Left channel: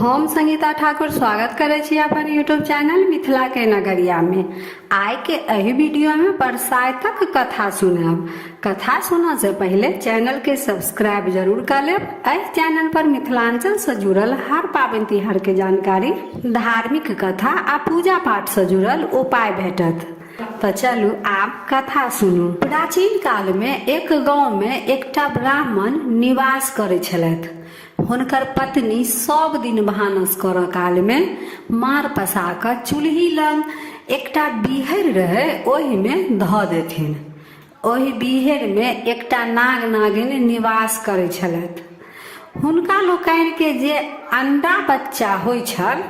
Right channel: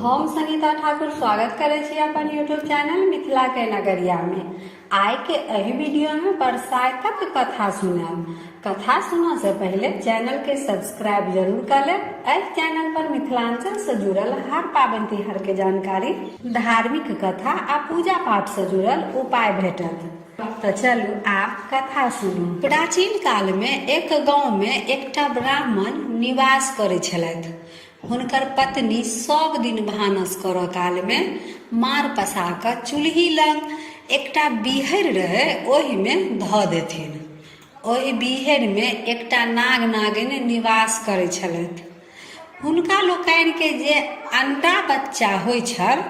हम संगीता ठाकुर स्वागत करे छी अपन यूट्यूब चैनल मिथिला के नगरिया में। आय के एही वीडियो में बरसातक कथा सुनब। कथा सुनने से पहले चैनल के सब्सक्राइब जरूर कर लेब। एह चैनल पर मिथिलांचल से जुड़ल हर पाबनि तिहार के जानकारी, धार्मिक कथा आ पूजा पाठ से जुड़ल उपाय भेटत। तो चलू आप कथा सुनू। प्राचीन काल में एक गांव में एकटा ब्राह्मण निवास करे छलथि। हुनकर पत्नी सब दिन भानस करऽ काल में मार पसा कऽ चूल्ही लग एकटा बीहर रहे ओहि में धऽ देथिन। ओहि बीहर में एकटा नाग नागिन निवास करे छलथि। हुनका लोकनि के जे अंडा बच्चा होइ छल,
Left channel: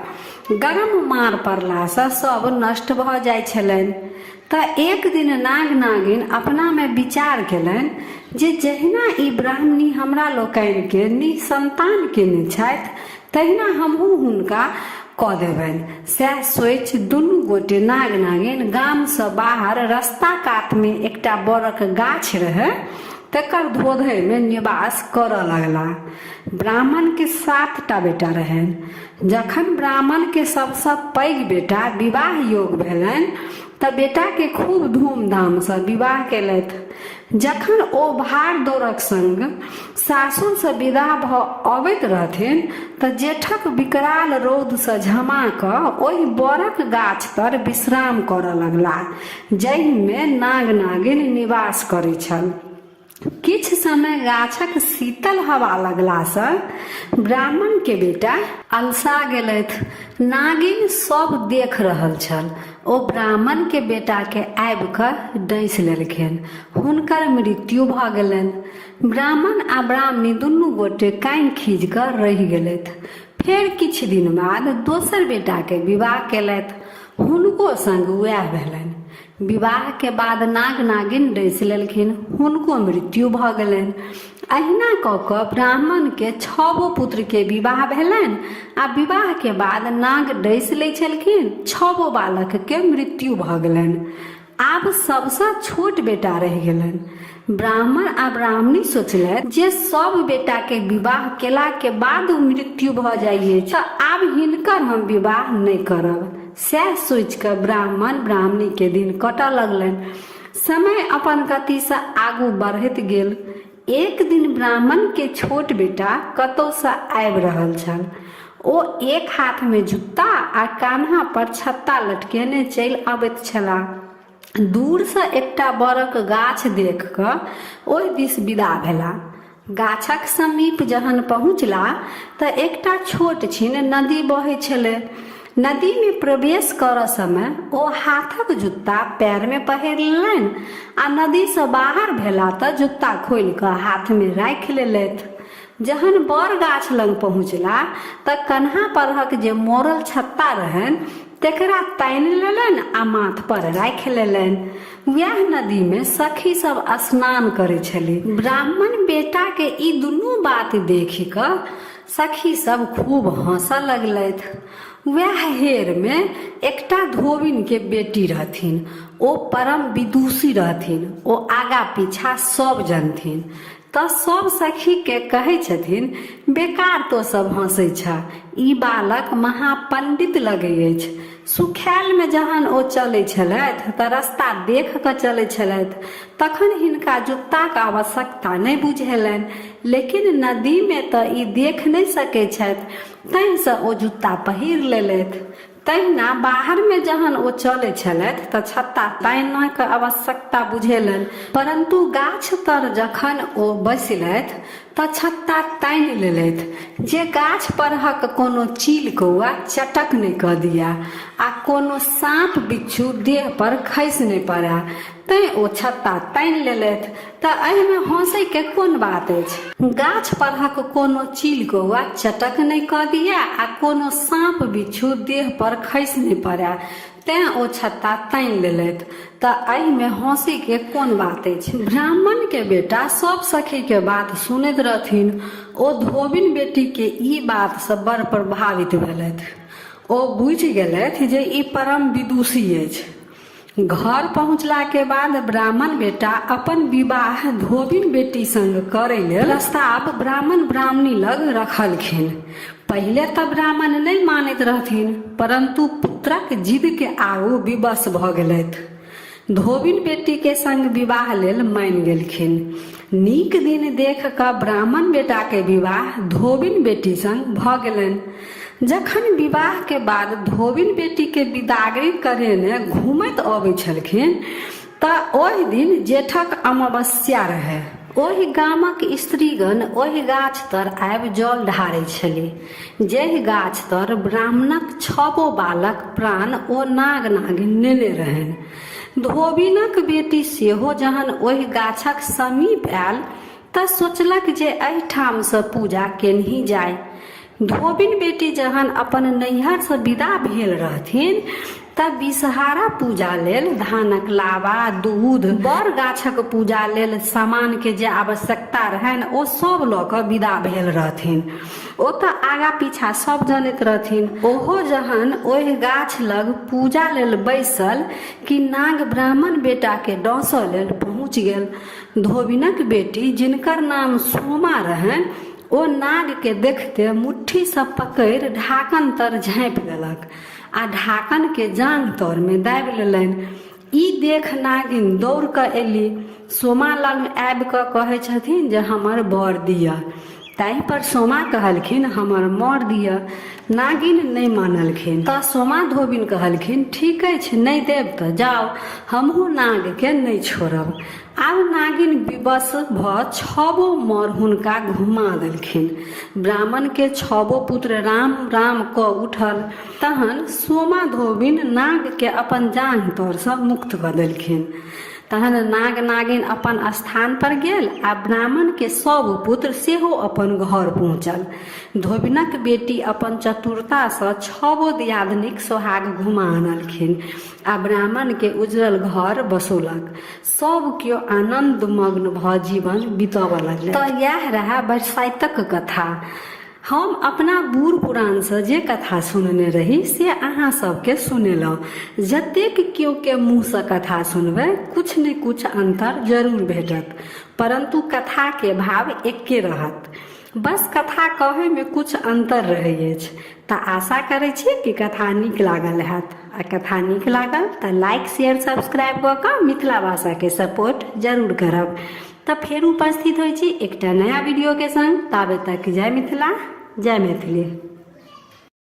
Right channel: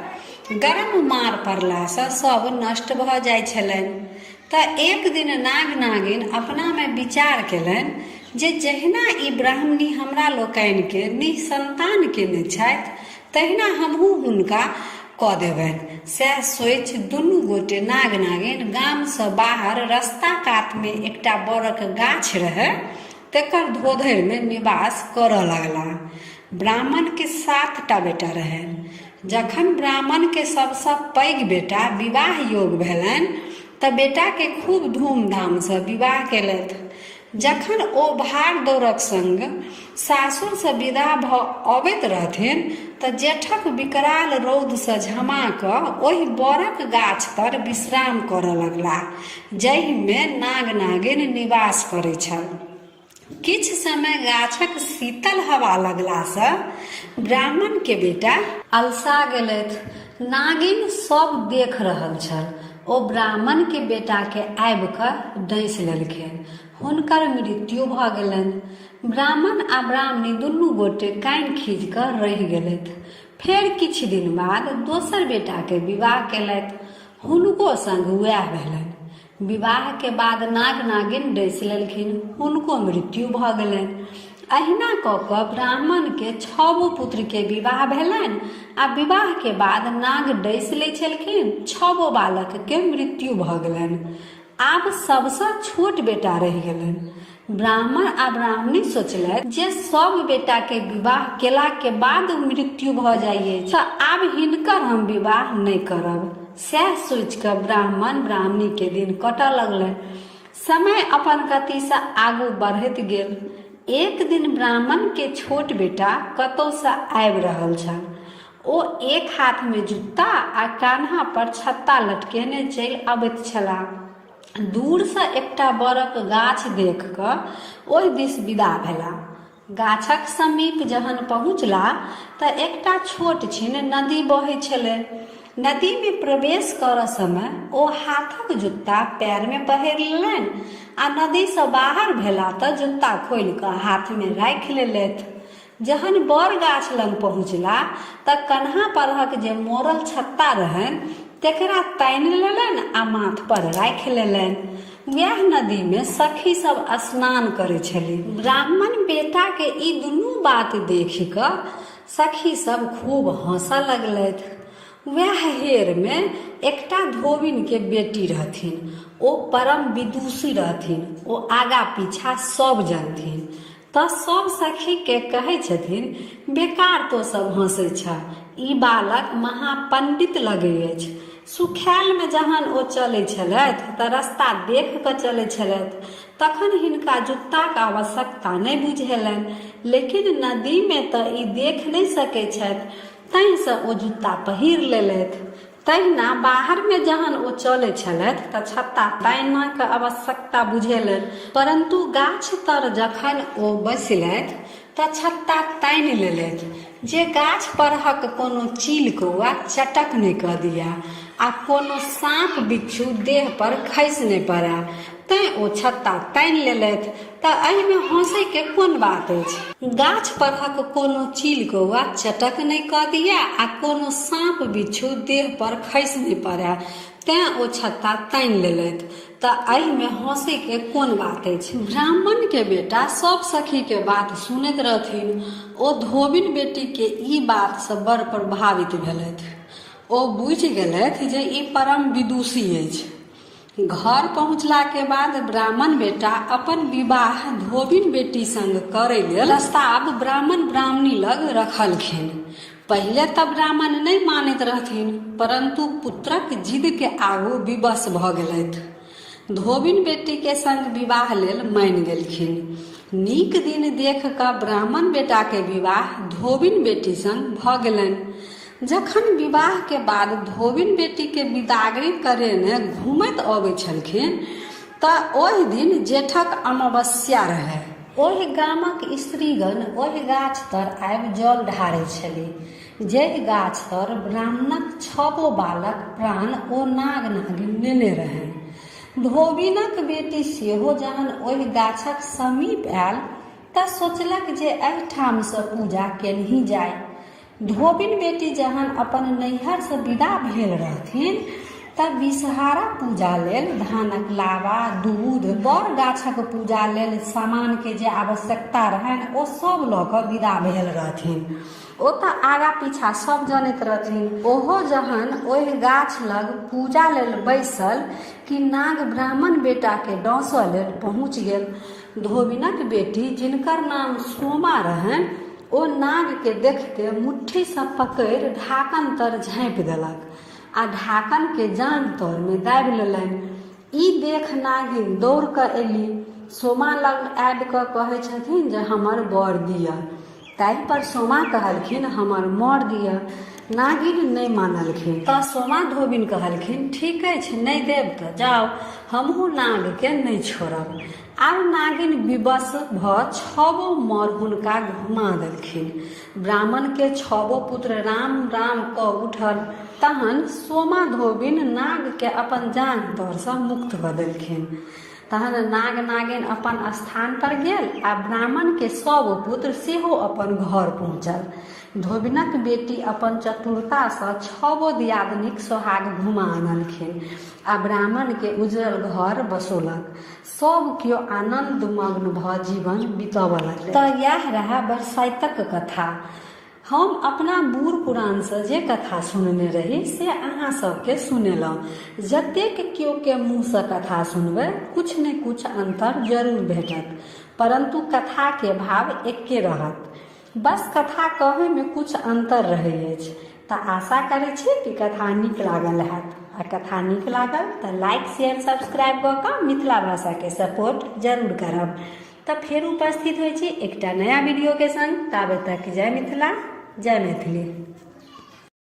गरम मार पड़ला से सब नष्ट भऽ जाइ छलनि। तऽ एक दिन नाग नागिन अपना में विचार केलनि जे जहिना ई ब्राह्मणी हमरा लोकनि के निसंतान केने छथि, तहिना हमहू हुनका कऽ देबनि। सएह सोचि दुनू गोटे नाग नागिन गाम से बाहर रास्ता कात में एकटा बड़क गाछ रहे, तकर धोधरि में निवास करऽ लगला। ब्राह्मण के 7टा बेटा रहनि। जखन ब्राह्मण के सबसँ पैघ बेटा विवाह योग भेलनि तऽ बेटा के खूब धूमधाम से विवाह केलथि। जखन ओ भाग दौड़क संग सासुर से विदा भऽ अबैत रहथिन तऽ जेठक विकराल रौद से झमा कऽ ओहि बड़क गाछ तर विश्राम करऽ लगला, जाहि में नाग नागिन निवास करै छल। किछ समय गाछक शीतल हवा लगला से ब्राह्मण के बेटा अलसा गेलथि। नागिन सब देख रहल छल। ओ ब्राह्मण के बेटा के आबि कऽ डैस लेलखिन। हुनकर मृत्यु भऽ गेलनि। ब्राह्मण आ ब्राह्मणी दुनू गोटे कान खींच कऽ रहि गेलथि। फेर किछ दिन बाद दोसर बेटा के विवाह केलथि। हुनको संग वएह भेलनि। विवाह के बाद नाग नागिन डैस लेलखिन। हुनको मृत्यु भऽ गेलनि। अहिना कऽ कऽ ब्राह्मण के 6 पुत्र के विवाह भेलनि आ विवाह के बाद नाग डैस लै छलखिन। 6 बालक के मृत्यु भऽ गेलनि। आब सबसँ छोट बेटा रहि गेलनि। ब्राह्मण आ ब्राह्मणी सोचलथि जे सब बेटा के विवाह केला के बाद मृत्यु भऽ जाइए तऽ आब हिनकर हम विवाह नहि करब। सएह सोचि कऽ ब्राह्मण ब्राह्मणी के दिन कटऽ लगलनि। समय अपन गति से आगू बढ़ैत गेल। एक दिन ब्राह्मण के छोट बेटा कतौ से आबि रहल छल। ओ एक हाथ में जूता आ कान्हा पर छत्ता लटकेने चलि अबैत छलाह। दूर से एकटा बड़क गाछ देख कऽ ओहि दिस विदा भेला। गाछक समीप जहन पहुँचला तऽ एकटा छोट छिन नदी बहै छलै। नदी में प्रवेश करऽ समय ओ हाथक जूता पैर में पहिर लेलनि आ नदी से बाहर भेला तऽ जूता खोलि कऽ हाथ में राखि लेलथि। जहन बड़ गाछ लग पहुँचला तऽ कन्हा परहक जे मोड़ल छत्ता रहनि तेकरा तानि लेलनि आ माथ पर राखि लेलनि। वएह नदी में सखी सब स्नान करे छली। ब्राह्मण बेटा के ई दुनू बात देखि कऽ सखी सब खूब हंसऽ लगलथि। वएह हेर में एकटा धोबिन के बेटी रहथिन। ओ परम विदुषी रहथिन। ओ आगा पीछा सब जानथिन। तऽ सब सखी के कहै छथिन, बेकार तो सब हंसै छा, ई बालक महापंडित लगै अछि। सुखायल में जहन ओ चलै छलथि तऽ रास्ता देख कऽ चलै छलथि, तखन हिनका जूताक आवश्यकता नहि बुझेलनि। लेकिन नदी में तऽ ई देख नहि सकै छथि, ताहिसँ ओ जूता पहिर लेलथि। तहिना बाहर में जहन ओ चलै छलथि तऽ छत्ता तानक आवश्यकता बुझेलनि। परंतु गाछ तर जखन ओ बैसलथि तऽ छत्ता तानि लेलथि जे गाछ परहक कोनो चील कौआ चटक नहि कऽ दिया आ कोनो साँप बिच्छू देह पर खसि नहि पड़ै। तैं ओ छत्ता तानि लेलथि। तऽ एहिमे हंसै के कोन बात अछि? गाछ परहक कोनो चील कौआ चटक नहि कऽ दिया आ कोनो साँप बिच्छू देह पर खसि नहि पड़ै, तें ओ छत्ता तानि लेलथि। तऽ एहिमे हंसै के कोन बात अछि? ब्राह्मण के बेटा सब सखी के बात सुनैत रहथिन। ओ धोबिन बेटी के ई बात से बड़ प्रभावित भेलथि। ओ बुझि गेलथि जे ई परम विदुषी अछि। घर पहुँचला के बाद ब्राह्मण बेटा अपन विवाह धोबिन बेटी संग करे लेल प्रस्ताव ब्राह्मण ब्राह्मणी लग रखलखिन। पहले तो ब्राह्मण नहीं मानैत रहथिन, परंतु पुत्रक जिद के आगू विवश भ गेलथि। धोबिन बेटी के संग विवाह लेल मान गेलखिन। नीक दिन देख कऽ ब्राह्मण बेटा के विवाह धोबिन बेटी संग भ गेलनि। जखन विवाह के बाद धोबिन बेटी के विदागरी करेने घूमैत अबै छलखिन तऽ ओहि दिन जेठक अमावस्या रहै। ओहि गामक स्त्रीगण ओहि गाछ तर आबि जल ढारै छलीह, जेहि गाछ तर ब्राह्मणक 6 बालक प्राण ओ नाग नागिन नेने रहनि। धोबिनक बेटी सेहो जहन ओहि गाछक समीप आयल तऽ सोचलक जे एहिठाम सँ पूजा केनही जाय। धोबिन बेटी जहन अपन नैहर से विदा भेल रहथिन तब विषहारा पूजा लेल धानक लावा, दूध, बड़ गाछक पूजा लेल सामान के जे आवश्यकता रहनि ओ सब लऽ कऽ विदा भेल रहथिन। ओ तऽ आगा पीछा सब जानैत रहथिन। ओहो जहन ओहि गाछ लग पूजा लेल बैसल कि नाग ब्राह्मण बेटा के डसऽ लेल पहुँच गेल। धोबिनक बेटी जिनकर नाम सोमा रहनि ओ नाग के देखते मुट्ठी से पकड़ि ढाकन तर झाँपि देलक आ ढाकन के जांघ तर में दाबि लेलनि। ई देख नागिन दौड़ कऽ एली। सोमा लग आबि कऽ कहै छथिन जे हमर बर दिअ। ताहि पर सोमा कहलखिन हमर मर दिअ। नागिन नहीं मानलखिन तऽ सोमा धोबिन कहलखिन ठीक अछि, नहीं देब तऽ जाओ, हमहू नाग के नहीं छोड़ब। आब नागिन विवश भ 6 मर हुनका घुमा देलखिन। ब्राह्मण के 6 पुत्र राम राम क उठल। तहन सोमा धोबिन नाग के अपन जांघ तर सँ मुक्त क देलखिन। तहन नाग नागिन अपन स्थान पर गेल आ ब्राह्मण के 100 पुत्र सेहो अपन घर पहुँचल। धोबिनक बेटी अपन चतुरता सँ 6 दियादनीक सोहाग घुमा आनलखिन आ ब्राह्मण के उजरल घर बसौलक। सब केओ आनंद मग्न भ जीवन बितबऽ लगलै। तऽ यह रहा बरसाइतक कथा। हम अपना बूढ़ पुरान से जे कथा सुनने रही से अहाँ सबके सुनेलहुँ। जतेक केओ के मुँह से कथा सुनबै कुछ ने कुछ अंतर जरूर भेटत, परंतु कथा के भाव एके रहत। बस कथा कहे में कुछ अंतर रहै अछि। तऽ आशा करै छी कि कथा नीक लागल हैत। आ कथा नीक लागल तऽ लाइक शेयर सब्सक्राइब कऽ कऽ मिथिला भाषा के सपोर्ट जरूर करब। तऽ फेर उपस्थित होइ छी एकटा नया वीडियो के संग। ताबे तक जय मिथिला, जय मैथिली।